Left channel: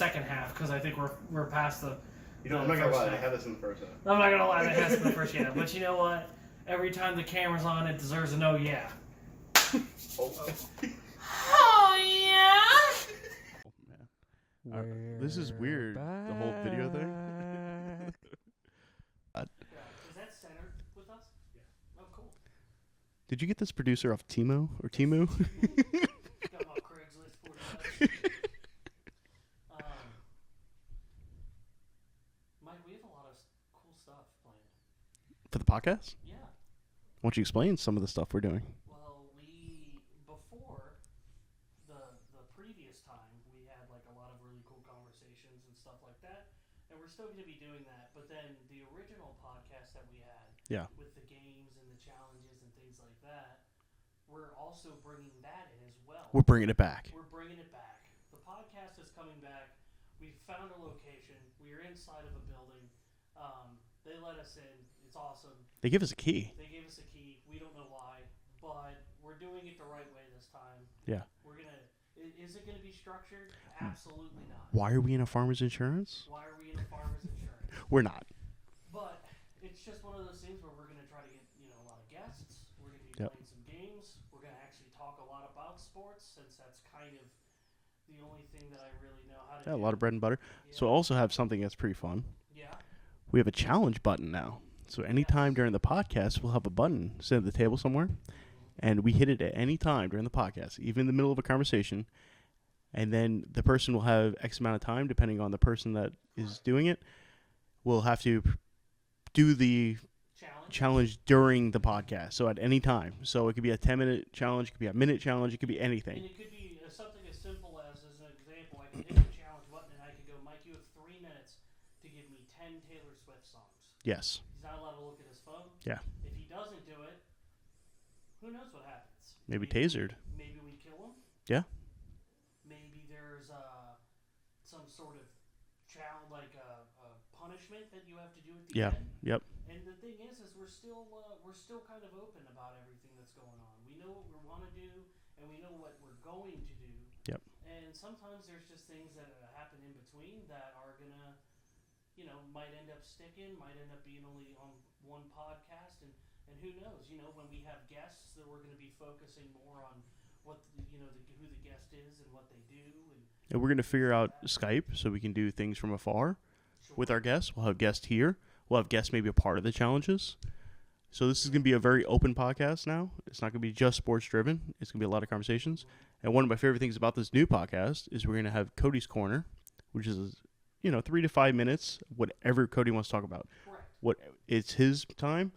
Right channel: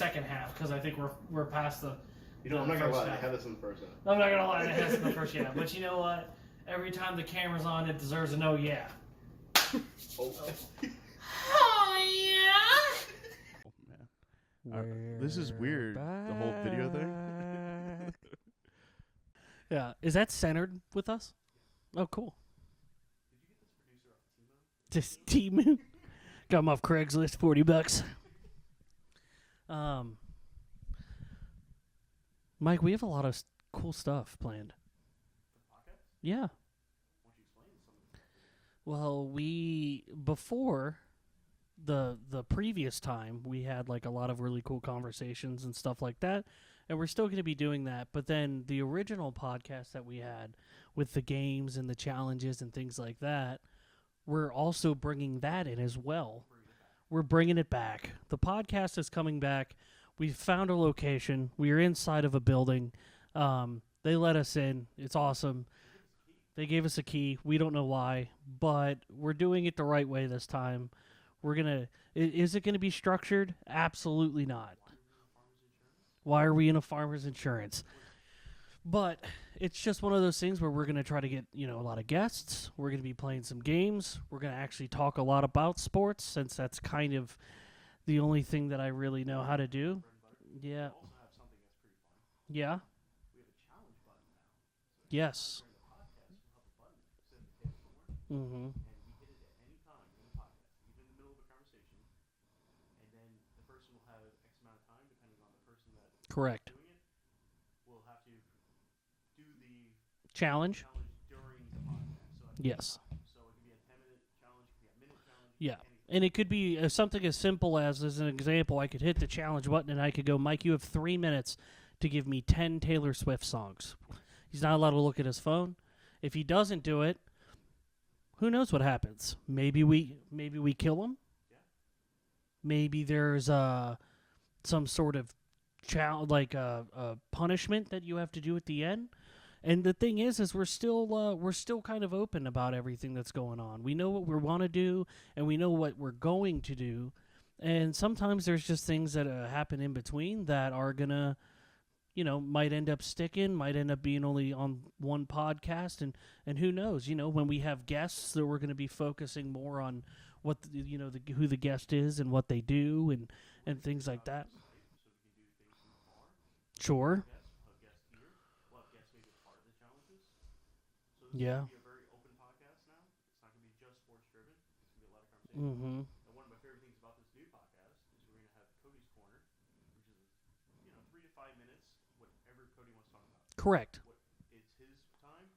second half because I think we're past the. I'm not gonna lie. They had this in the first half. I'm not gonna lie. They had this in the first half. But you know what? Every time the camera's on, it deserves an oh yeah. Oh. Oh yeah. This is weird. The whole video thing. Yeah. Is that centered with us? Oh, cool. Did you get this producer off Timo or Just Timu? Timu. Got him off Craigslist, $40. Mike, we have a lot of cool stuff planned. For the podcast? Yeah. Why don't you explain some of the stuff we're doing? Well, before the previous time, we had like a lot of really cool conversations and stuff like that. And we're still going to be doing that. But then the original podcast that we had with the games and the challenges and things like that, we're also bringing that in as well. We're bringing it back. We're bringing it back. The podcast is coming back. We found a location. We are inside of a building. They let us in. It's awesome. They give us a key. They gave us a key. We don't know why, but we're doing it the right way this time. Yeah. We're going to... Is it going to be structured? Absolutely not. Why are we in a farmer's insurance? Why are we in a farmer's insurance? We're not. But it's just one of those things where we're going to try to get, a lot of guests. We're going to be playing some games. We're going to actually talk a lot about sports since that's kind of the only thing that I really know how to do. A lot of bread and butter. Yeah. So I also have something that's pretty fun. Yeah. We have a challenge button now. So anytime during the podcast, we'll have a button set at the table somewhere, and we hit it at any time during the podcast, even in the middle of a conversation, and then the person will have X amount of time, depending on the person that is doing it, will have to do the challenge during the podcast, so at any time. So it could be a 10-minute challenge, it could be a minute challenge, it could be anything. And it could be something as simple as an example, I could hit the challenge button, and I could go, Mike, you have 3 minutes to give me 10 Taylor Swift songs. Yes. He's not allowed to look at his phone. Yeah. If he doesn't do it, who knows what happens? Maybe we kill him. Yeah. Maybe there's some sort of punishment that you have to do at the end. Yep. And the thing is we're still kind of open about everything that's going on. We know what we want to do, and we know what we're going to do. Yep. And sometimes there's just things that happen in between that are gonna, might end up sticking, might end up being only on one podcast, and who knows? When we have guests, that we're going to be focusing more on what who the guest is and what they do, and we're going to figure like out Skype so we can do things from afar. Sure. With our guests, we'll have guests here. We'll have guests maybe a part of the challenges. So this is going to be a very open podcast now. It's not going to be just sports driven. It's going to be a lot of conversations. And one of my favorite things about this new podcast is we're going to have Cody's Corner, which is 3 to 5 minutes, whatever Cody wants to talk about. Correct. It's his time.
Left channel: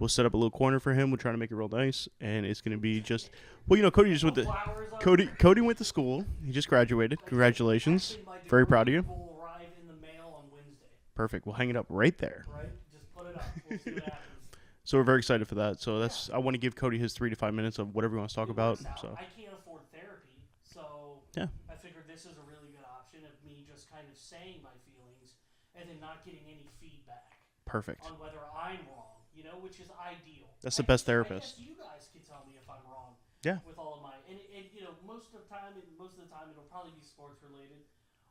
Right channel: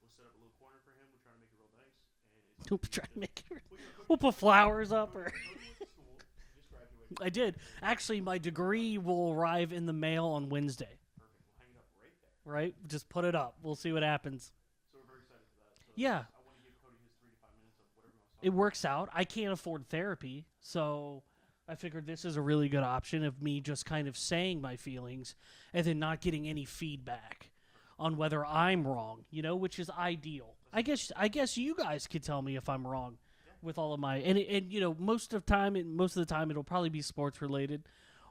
We'll set up a little corner for him. We'll try to make it real nice, and it's going to be just. Well, Cody just went to flowers up. Cody went to school. He just graduated. Congratulations! Actually, my degree very proud of you. Will arrive in the mail on Wednesday. Perfect. We'll hang it up right there. Right. Just put it up. We'll see what happens. So we're very excited for that. So I want to give Cody his 3 to 5 minutes of whatever he wants to talk about. It works out. So. I can't afford therapy, so I figured this is a really good option of me just kind of saying my feelings and then not getting any feedback. Perfect. On whether I'm wrong, which is ideal. That's the best therapist. I guess you guys could tell me if I'm wrong. Yeah. With all of my and most of the time it'll probably be sports related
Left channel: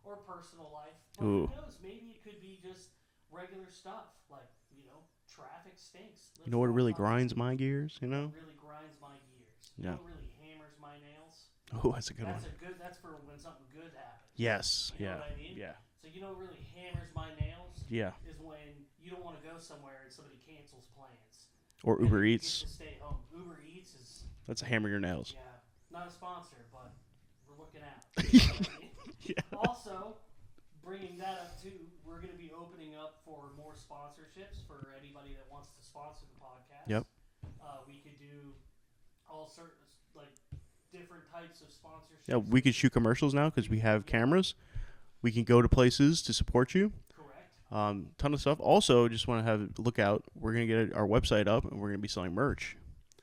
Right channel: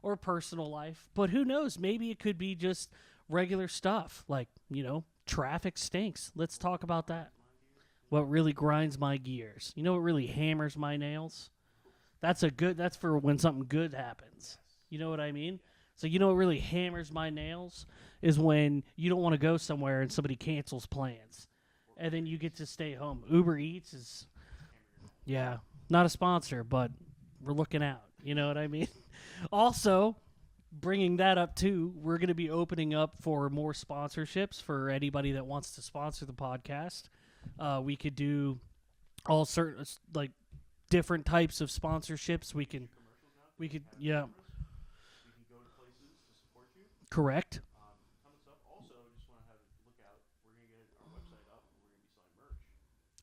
or personal life, but who knows? Maybe it could be just regular stuff like traffic stinks. Let's talk about what really that. grinds my gears? What really grinds my gears? What really hammers my nails? Oh, that's a good one. That's for when something good happens. Yes. You know what I mean? Yeah. So what really hammers my nails? Yeah. Is when you don't want to go somewhere and somebody cancels plans. Or and Uber then Eats. You get to stay home. Uber Eats is... That's a hammer your nails. Yeah. Not a sponsor, but we're looking out. You know what I mean? Also, bringing that up too, we're going to be opening up for more sponsorships for anybody that wants to sponsor the podcast. Yep. We could do all certain different types of sponsorships. Yeah, we could shoot commercials now because we have cameras. We can go to places to support you. Correct. Ton of stuff. Also, just want to have a look out. We're going to get our website up, and we're going to be selling merch.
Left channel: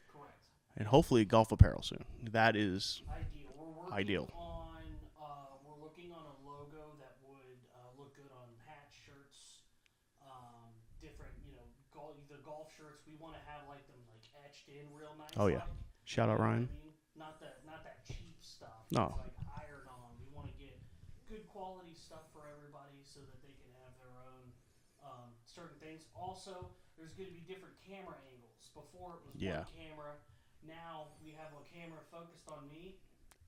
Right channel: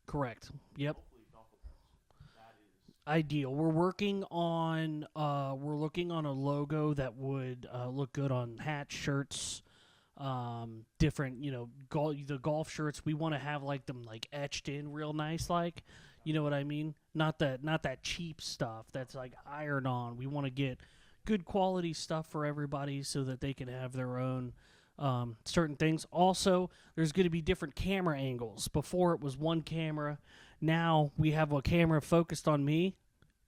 Correct. And hopefully golf apparel soon. That is ideal. We're working on we're looking on a logo that would look good on hats, shirts, different, the golf shirts. We want to have them etched in real nice, Shout out you know Ryan. what I mean? Not that cheap stuff that's ironed on. We want to get good quality stuff for everybody so that they can have their own certain things. Also, there's going to be different camera angles. Before it was one camera. Now we have a camera focused on me.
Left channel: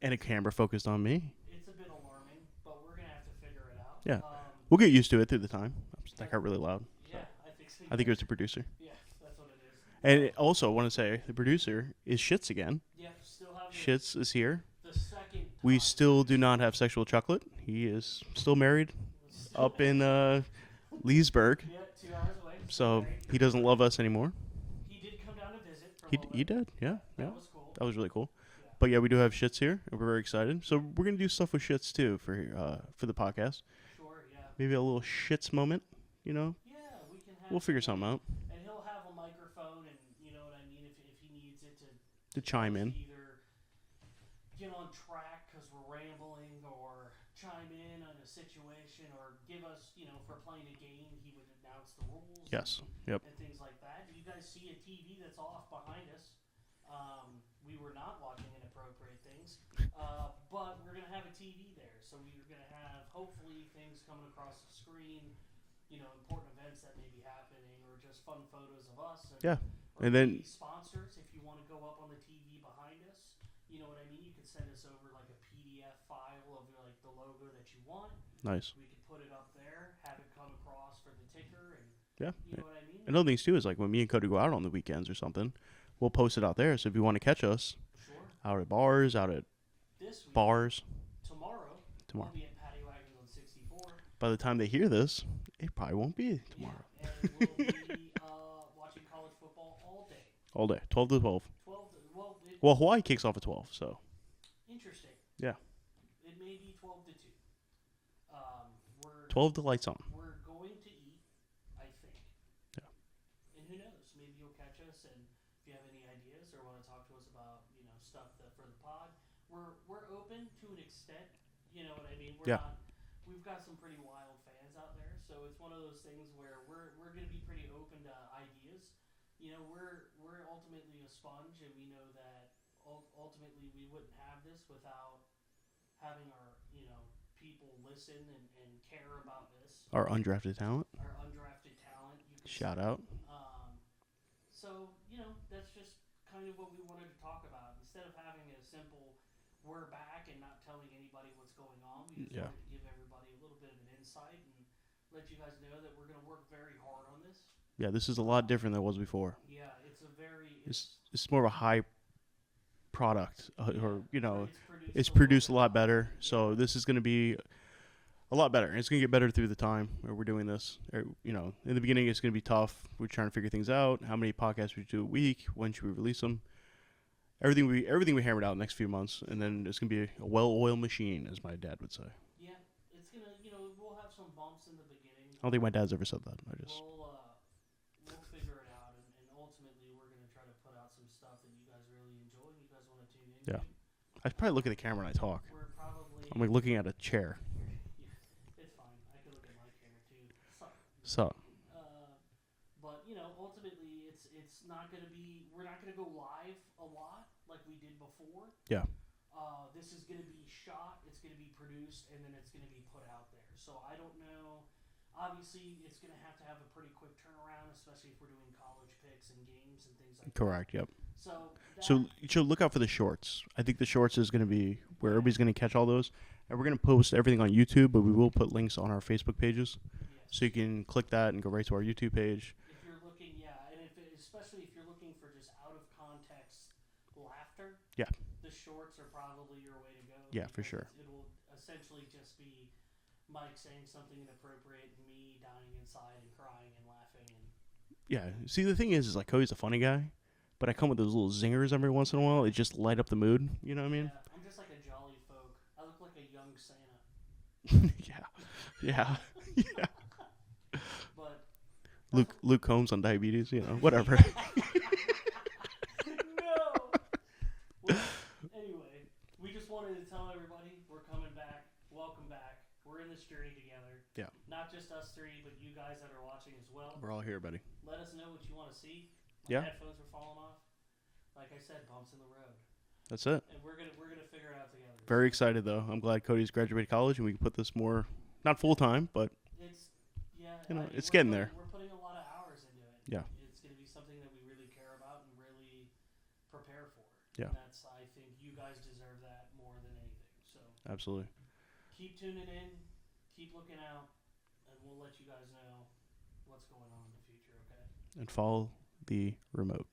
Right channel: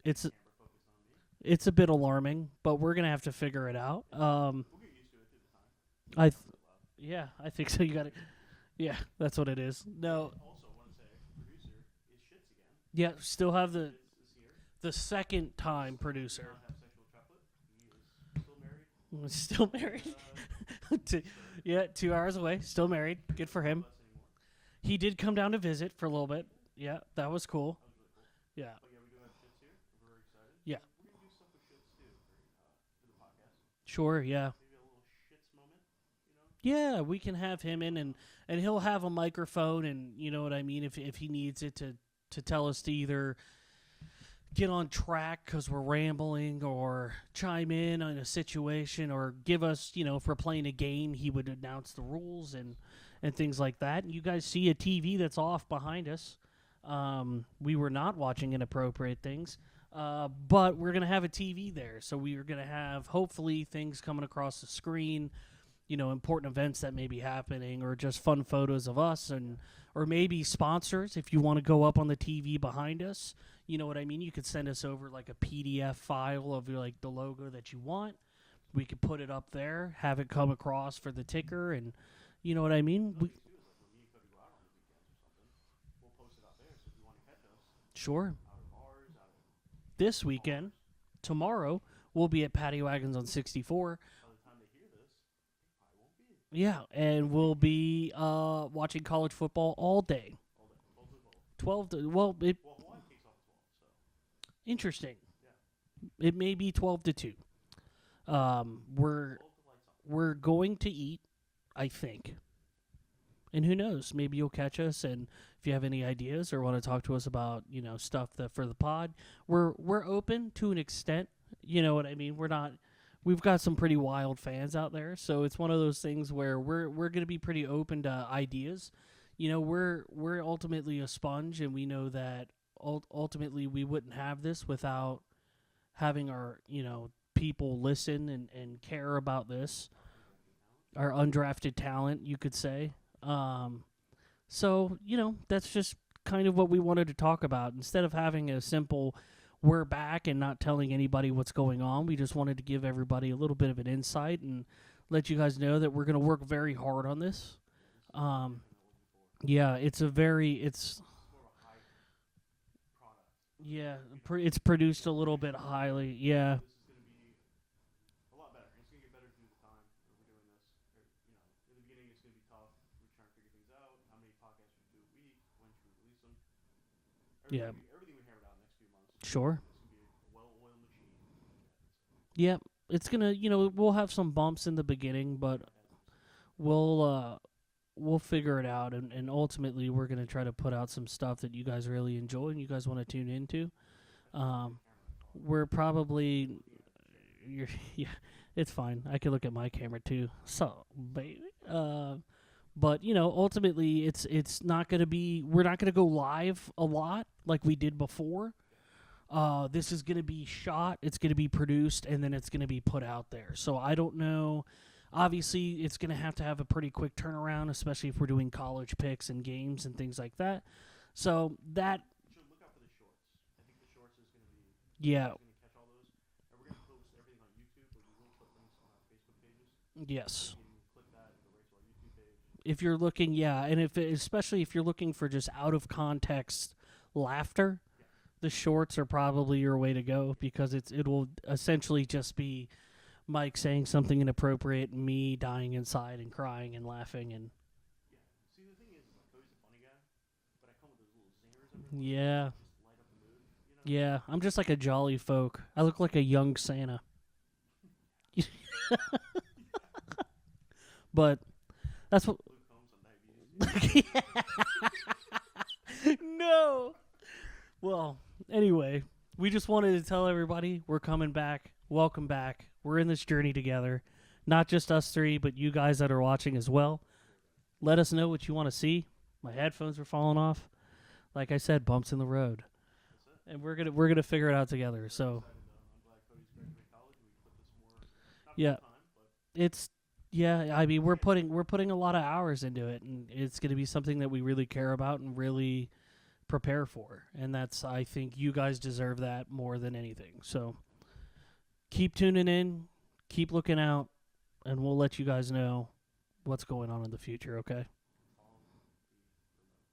And a camera focused on me. It's a bit alarming, but we're going to have to figure it out. Yeah. We'll get used to it through the time. I got really loud. Yeah, I think so. I think it was the producer. Yeah, that's what it is. No. And also, I want to say, the producer is Shits again. Yeah, still have the... Shits is here. The second time we still producer. do not have Sexual Chocolate. He is still married. Still up married. In Leesburg. Yeah, 2 hours away. Still married. He doesn't love us anymore. He did come down to visit for a little bit. He did. Yeah. That was cool. That was really cool. Yeah. But yeah, we do have Shits here, and we're very excited. So we're gonna do stuff with Shits too for the podcast. Sure. Yeah. Maybe a little Shits moment. You know? Yeah, we can have. We'll figure something out. And he'll have a microphone, and you know what I mean. If he needs it to tell us to either get on track because we're rambling, or chime in on a situation, or give us, if we're playing a game, he would announce the rules. And things like that. And you guys see a TV that's off behind us. We were not watching inappropriate things, but we're gonna have a TV there, so we are gonna have hopefully things coming across the screen. Important events that may be happening, or just fun photos of us, or maybe sponsors. If you want to go up on the TV behind us, you know what I mean? You could send us over like a PDF file of like the logo that you want. Nice. We could put it up there, have it come across for the ticker, and you know what I mean? Another thing too is like when me and Cody go out on the weekends or something, we'll post it out there. So if you want to catch us, sure, out at bars, out at this weekend, bars, tomorrow. We'll be at Patty Wagons on 64. By the time they hear this, it probably won't be. Yeah, and we'll be watching college football all day. All day, 12 to 12. 12 to, well, Hawaii kicks off at 12, so. Interesting. Yeah. It may be 12 to 2. We're 12 to lights on. We're going to eat, I think. Yeah. And who knows? Maybe you'll catch us, and if you have any ideas or want to talk to us about, stuff for the pod, we're open to an extent. You know what I mean? We're not. We've got some pretty wild fans out there, so it's one of those things where we're going to be pretty open to ideas. We're ultimately a sponge, and we know that ultimately we wouldn't have this without having our people listen and care about this. Our undrafted talent. Our undrafted talent, you could say. Shout out. So that's just kind of what we wanted to talk about. Instead of having a simple we're back and not telling anybody what's going on, we just wanted to give everybody a little bit of an insight and let you guys know that we're going to work very hard on this. Yeah, this is a lot different than it was before. Yeah, it's more of a high product. It's produced a lot better. Yeah. So this is going to be a lot better. And it's going to get better through the time where we're doing this. In the beginning, it's going to be tough. We're trying to figure things out. How many podcasts we do a week? When should we release them? Everything we hammered out in the next few months. Sure. And then it's going to be a well-oiled machine, as my dad would say. Yeah, it's going to, we'll have some bumps in the beginning. But I don't think my dad's ever said that. We'll figure it out. And ultimately, we're going to try to put out some stuff that you guys really enjoy and you guys want to tune into. Yeah. I probably look at the camera when I talk. We're probably... I'm like looking at a chair. Yeah, it's fine. I can look at my camera, too. But, ultimately, it's not going to be... We're not going to go live a lot like we did before. Yeah. This is going to be shot, it's going to be produced, and then it's going to be put out there. So I don't know. Obviously, it's going to have a pretty quick turnaround, especially if we're doing college picks and games and things like that. Correct, yep. So look out for the shorts. I think the shorts is going to be where everybody's going to catch all those. And we're going to post everything on YouTube, but we will put links on our Facebook pages. Yes. So you can click that and go right to our YouTube page. If you're looking, and especially if you're looking for just out of context laughter, the shorts are probably your way to go because it will essentially just be Mike saying something inappropriate and me dying inside and crying and laughing and see, the thing is like Cody's a funny guy, but I come with those little zingers every once in a while. It just light up the mood. You know what I mean? Yeah, I'm just like a jolly folk. I look like a young Santa. Yeah. But that's Luke Combs on diabetes. Whatever. No. Well, anyway, we just wanted to tell everybody we're coming back. Welcome back. We're in this journey together. Yeah. Not just us three, but you guys that are watching as well. We're all here, buddy. Let us know what you want to see. My headphones are falling off. Like I said, bumps in the road. That's it. And we're gonna figure it out together. Very excited though. I'm glad Cody's graduated college and we can put this more, not full time, but it's. Yeah, I mean it's we're putting a lot of hours into it. And it's going to be something that we really care about and really prepare for. Yeah. And that's, I think you guys deserve that more than anything. So absolutely. Keep tuning in, keep looking out, and we'll let you guys know what's going on in the future, okay? And follow the remote.